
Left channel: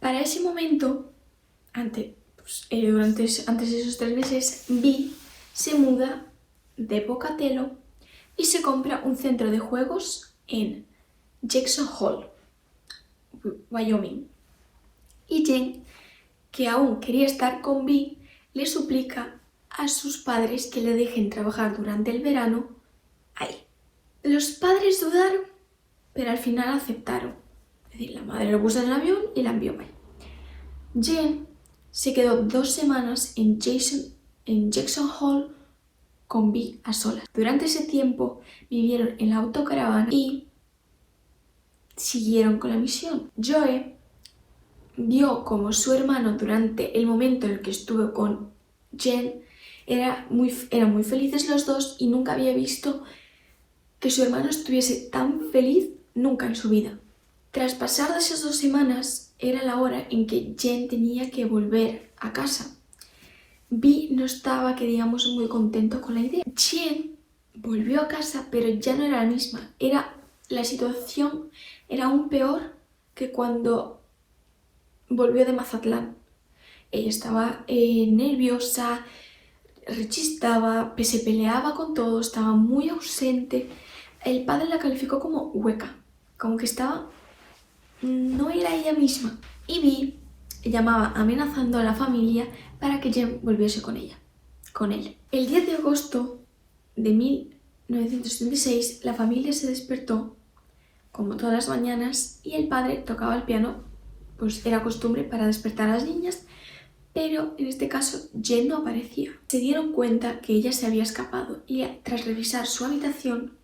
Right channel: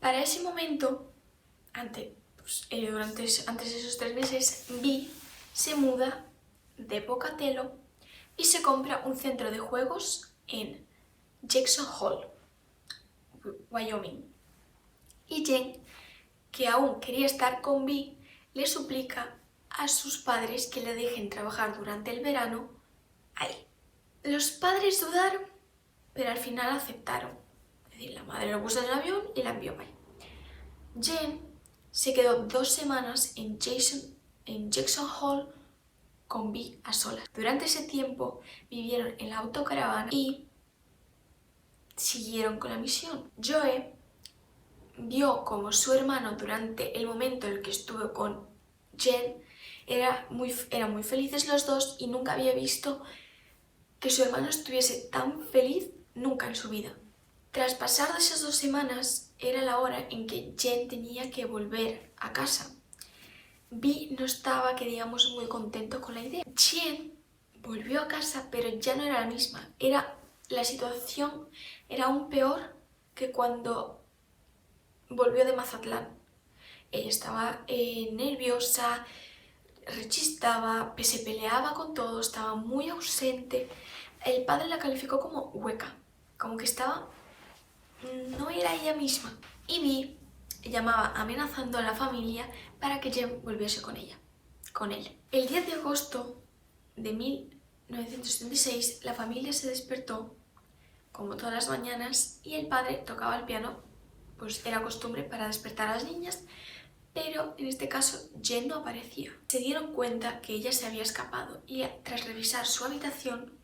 Para ese momento, antes de esos 3 meses, Vi se muda de Pocatello y se compra un centro de juegos en Jackson Hole, Wyoming. Y Jen, que aún quería estar con Vi, le suplica a sus padres que le dejen trabajar durante el verano ahí. Los padres dudaron, pero al final aceptaron. Es decir, la madre lo puso en el avión y la envió ahí. Jen se quedó 2 semanas en Jackson Hole con Vi a solas. Durante ese tiempo vivieron en la autocaravana y siguieron con la misión. Joe vio como su hermano, durante el momento en el que estuvo con Jen, eran muy felices los dos y nunca había visto que su hermano estuviese tan feliz nunca en su vida. Tras pasar esas 2 semanas, era la hora en que Jen tenía que volver a casa. Vi no estaba, que digamos, muy contento con la idea. Jen volvió a casa, pero ya no era la misma. La situación era aún peor que cuando volvió de Mazatlán. Ella estaba nerviosa, rechistaba, se peleaba con todo, estaba muy ausente. El padre la calificó como hueca, como que no era ella misma. Y Vi llamaba amenazando a la familia para que Jen volviese con él. El 10 de agosto de 1976, la familia se despertó como todas las mañanas y el padre tocaba el piano, pues era costumbre para despertar a las niñas, pero en este caso Jen no aparecía. Se dieron cuenta que ella se había escapado y tras revisar su habitación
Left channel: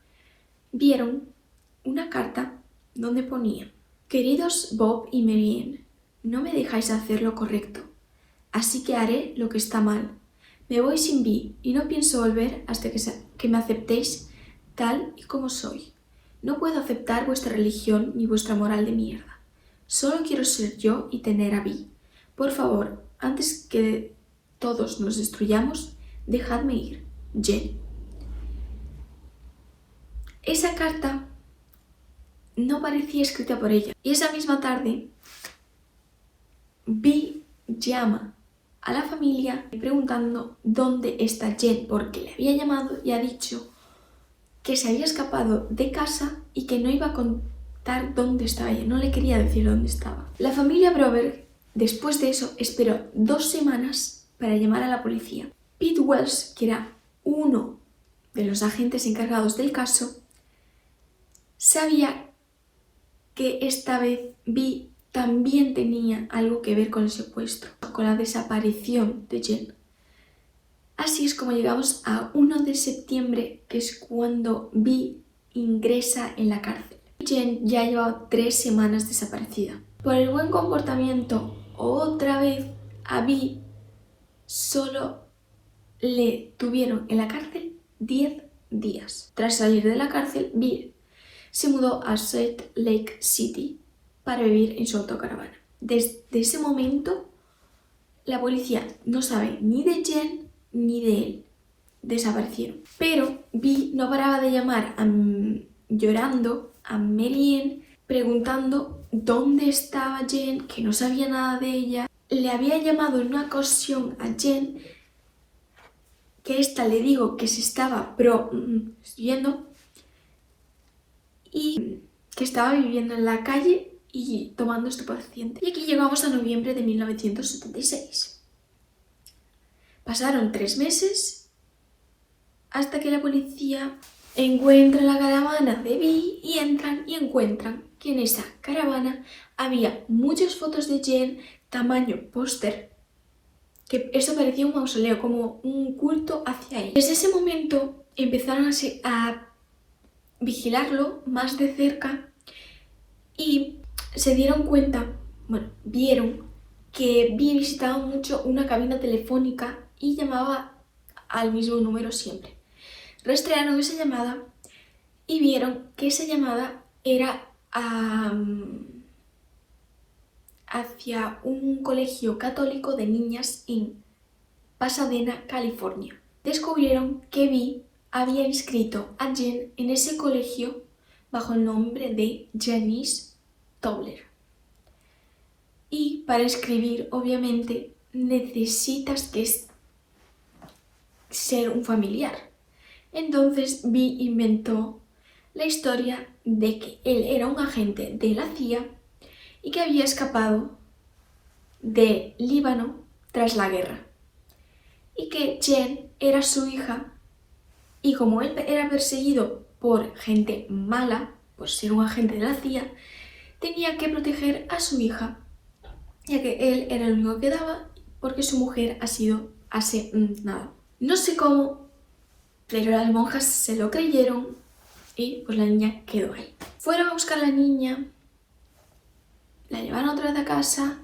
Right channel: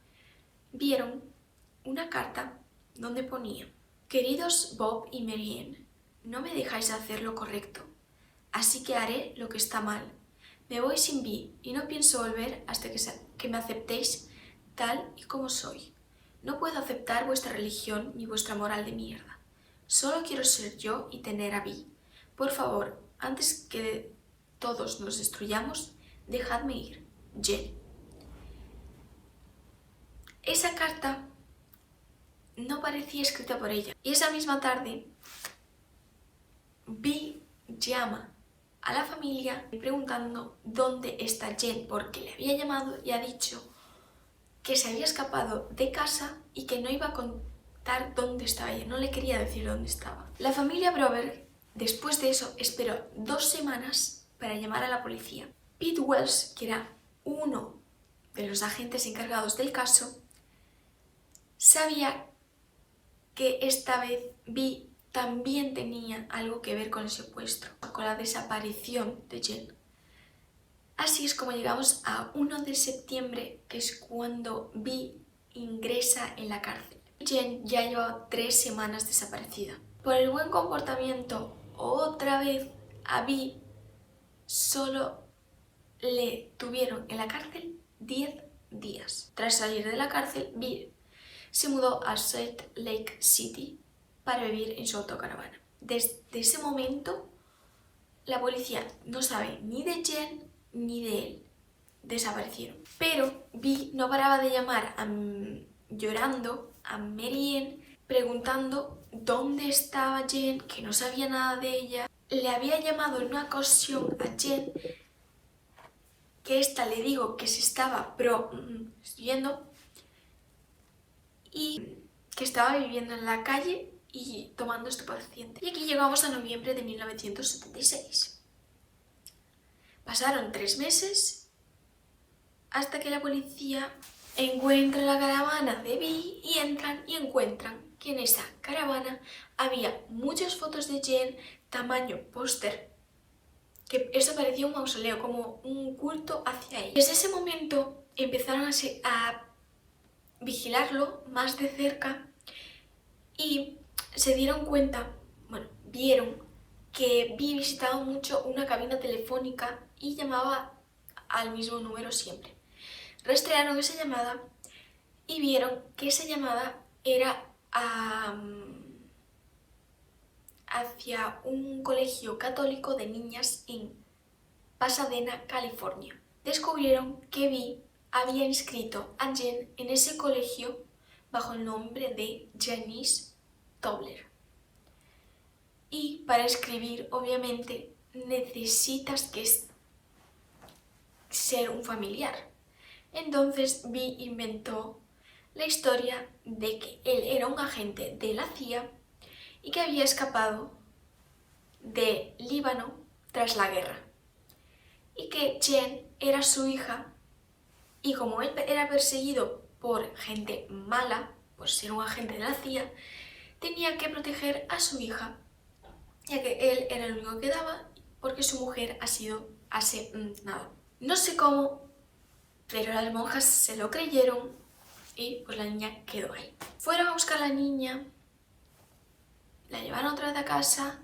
vieron una carta donde ponía: queridos Bob y Marianne, no me dejáis hacer lo correcto, así que haré lo que está mal. Me voy sin Vi y no pienso volver hasta que me aceptéis tal y como soy. No puedo aceptar vuestra religión ni vuestra moral de mierda. Solo quiero ser yo y tener a Vi. Por favor, antes que todos nos destruyamos, dejadme ir. Jen. Esa carta no parecía escrita por ella. Y esa misma tarde, Vi llama a la familia preguntando dónde está Jen, porque le había llamado y ha dicho que se había escapado de casa y que no iba a contar dónde estaba ella, no le quería decir dónde estaba. La familia Brover, después de eso, esperó 2 semanas para llamar a la policía. Pete Wells, que era uno de los agentes encargados del caso, sabía que esta vez Vi también tenía algo que ver con el secuestro, con la desaparición de Jen. Así es como llegamos a 1 de septiembre, que es cuando Vi ingresa en la cárcel. Jen ya llevaba 3 semanas desaparecida. Por el buen comportamiento, otra vez a Vi solo le tuvieron en la cárcel 10 días. Tras salir de la cárcel, Vi se mudó a Salt Lake City para vivir en su autocaravana. Desde ese momento, la policía no sabe ni de Jen ni de él. Desaparecieron. Pero Vi no paraba de llamar llorando a Marianne, preguntando dónde estaba Jen, que no sabía nada de ella. Le había llamado en una ocasión a Jen que esta le dijo que se estaba prostituyendo y que estaba viviendo en la calle y tomando estupefacientes. Y aquí llegamos a noviembre de 1976. Pasaron 3 meses hasta que la policía encuentra la caravana de Vi y entran y encuentran que en esa caravana había muchas fotos de Jen tamaño póster, que eso parecía un mausoleo, como un culto hacia ella. Desde ese momento empezaron a vigilarlo más de cerca y se dieron cuenta, bueno, vieron que Vi visitaba mucho una cabina telefónica y llamaba al mismo número siempre. Rastrearon esa llamada y vieron que esa llamada era hacia un colegio católico de niñas en Pasadena, California. Descubrieron que Vi había inscrito a Jen en ese colegio bajo el nombre de Janice Tobler. Y para inscribir, obviamente, necesitas ser un familiar. Entonces Vi inventó la historia de que él era un agente de la CIA y que había escapado de Líbano tras la guerra. Y que Jen era su hija y como él era perseguido por gente mala, por ser un agente de la CIA, tenía que proteger a su hija, ya que él era el único que daba porque su mujer ha sido asesinada. No sé cómo, pero las monjas se lo creyeron y pues la niña quedó ahí. Fueron a buscar a la niña, la llevaron otra vez a casa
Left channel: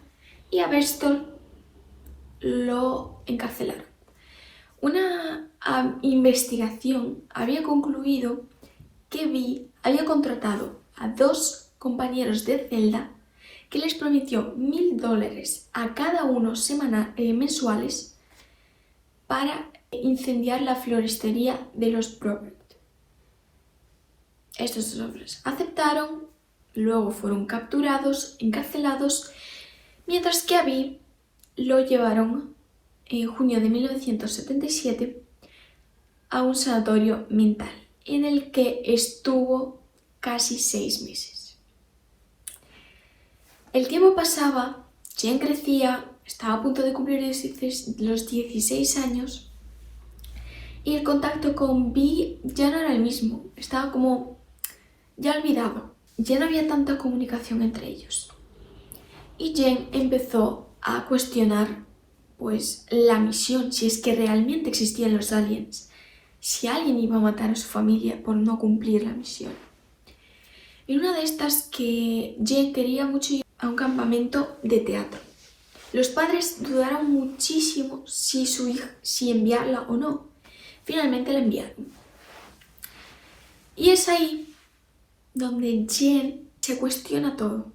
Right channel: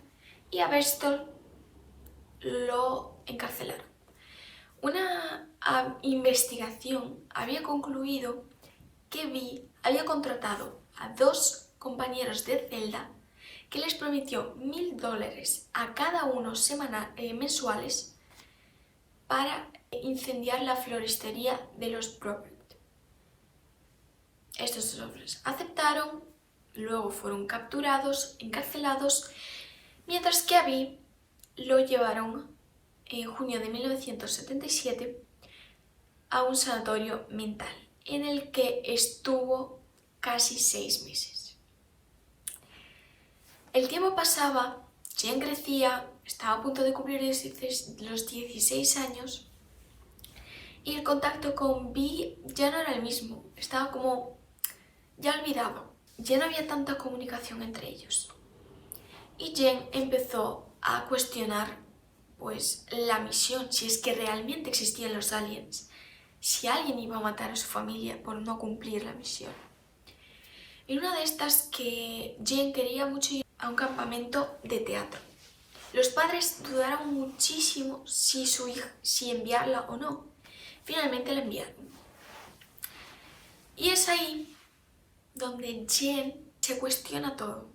y a Berstol lo encarcelaron. Una investigación había concluido que Vi había contratado a 2 compañeros de celda que les prometió $1000 a cada uno mensuales para incendiar la floristería de los Probert. Estos 2 hombres aceptaron, luego fueron capturados, encarcelados, mientras que a Vi lo llevaron en junio de 1977 a un sanatorio mental en el que estuvo casi 6 meses. El tiempo pasaba, Jen crecía, estaba a punto de cumplir los 16 años y el contacto con Vi ya no era el mismo, estaba como ya olvidado, ya no había tanta comunicación entre ellos. Y Jen empezó a cuestionar pues la misión, si es que realmente existían los aliens, si alguien iba a matar a su familia por no cumplir la misión. Y una de estas que Jen quería mucho ir a un campamento de teatro. Los padres dudaron muchísimo si enviarla o no. Finalmente la enviaron. Y es ahí donde Jen se cuestiona todo.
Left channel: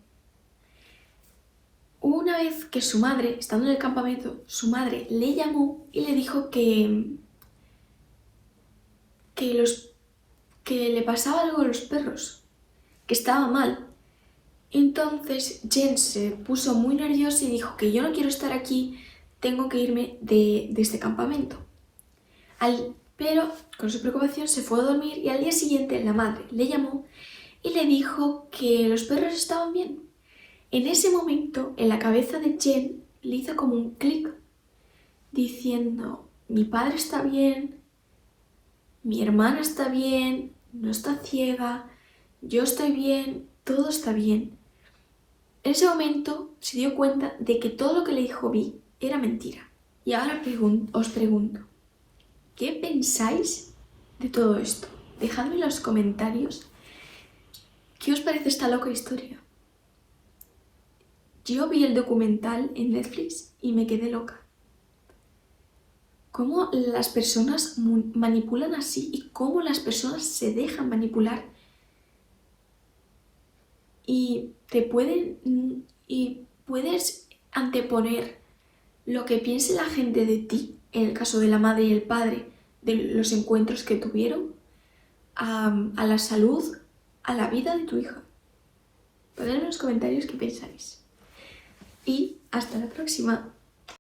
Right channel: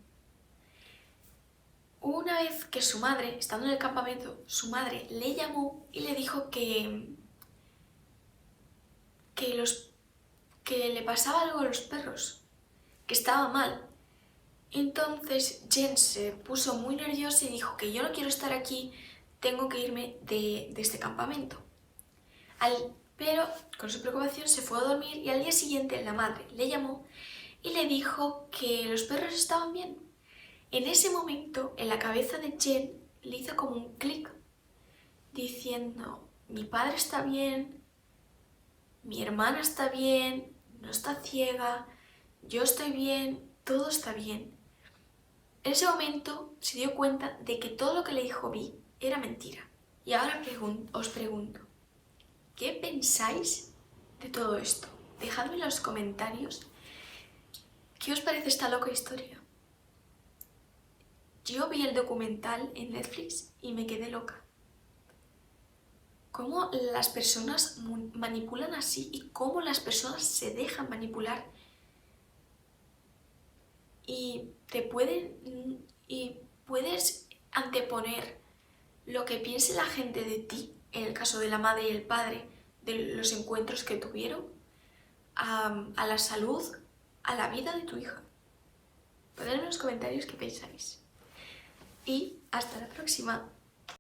Una vez que su madre, estando en el campamento, su madre le llamó y le dijo que le pasaba algo a los perros, que estaba mal. Entonces Jen se puso muy nerviosa y dijo que yo no quiero estar aquí, tengo que irme de este campamento. Pero con su preocupación se fue a dormir y al día siguiente la madre le llamó y le dijo que los perros estaban bien. En ese momento, en la cabeza de Jen le hizo como un clic, diciendo, mi padre está bien, mi hermana está bien, no está ciega, yo estoy bien, todo está bien. En ese momento se dio cuenta de que todo lo que le dijo Vi era mentira. Y ahora os pregunto, ¿qué pensáis de todo esto? Dejadme en los comentarios qué os parece esta loca historia. Yo vi el documental en Netflix y me quedé loca. Cómo las personas manipulan así y cómo las personas se dejan manipular y puedes anteponer lo que piense la gente de ti, en el caso de la madre y el padre, de los encuentros que tuvieron, a la salud, a la vida de tu hija. Ponedme en los comentarios qué pensáis. Y hasta la próxima.